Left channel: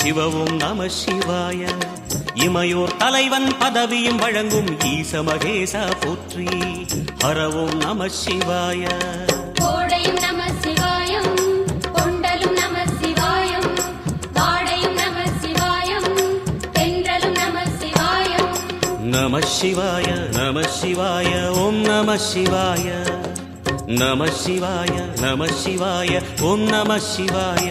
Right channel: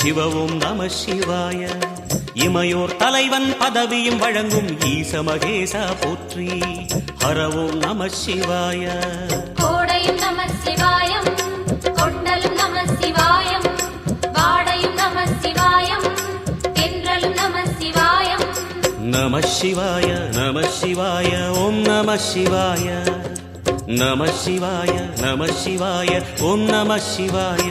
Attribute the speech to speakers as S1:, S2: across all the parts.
S1: சிவவும் நம சிவாய இமையோர் தலைவன் பதவியும் வழங்கும் ஈச மகேசா போற்றி ஹரவும் நம சிவாய
S2: கோடையும் நம சிவாயம் கொண்டலும் நம சிவாயம் வாடையும் நம சிவாயம் தென்றலும் நம சிவாயம்
S1: நம சிவாய நம சிவாய ஓம் நம சிவாய நம சிவாய நம சிவாய ஓம் நம சிவாய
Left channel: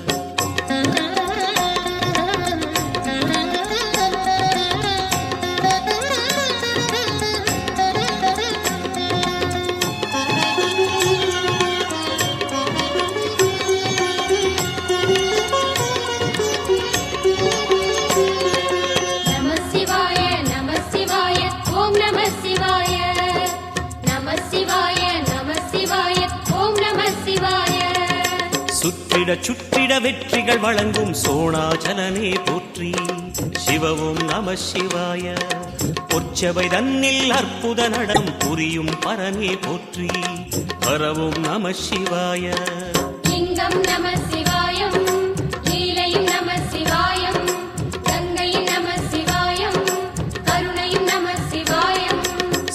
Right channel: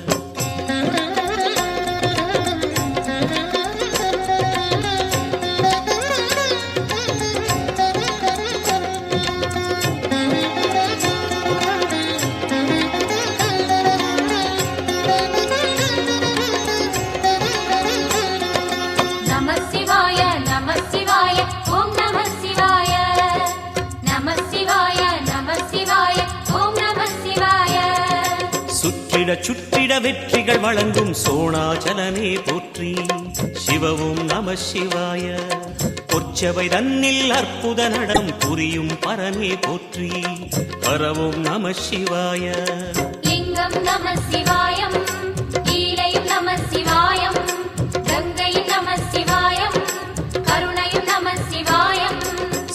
S1: சுற்றிட சுற்றிட வெற்றிகள் வழங்கும் சோணாச்சலனே போற்றி. சிவவும் நம சிவாய. பொற்சபை தன்னில் அற்புத நடம் புரியும் பரனே போற்றி. பரவும் நம சிவாய.
S2: நம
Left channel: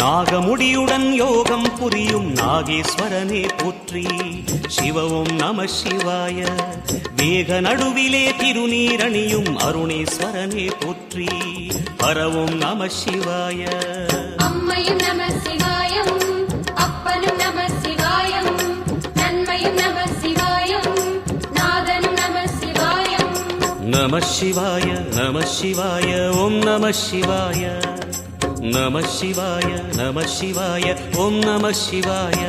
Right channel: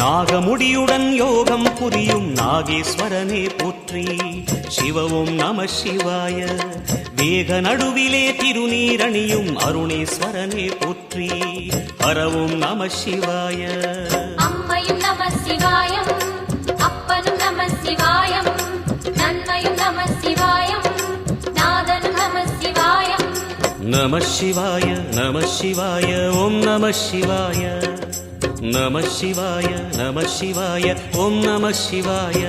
S1: நாகமுடியுடன் யோகம் புரியும் நாகேஸ்வரனே போற்றி. சிவவும் நம சிவாய. வேக நடுவிலே திருநீரணியும் அருணேஸ்வரனே போற்றி. ஹரவும் நம சிவாய.
S2: அம்மையும் நம சிவாயம் சிவாய நம சிவாய ஓம் நம சிவாய. நம சிவாய நம சிவாய ஓம் நம சிவாய.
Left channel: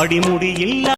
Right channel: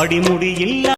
S1: அடிமுடி இல்ல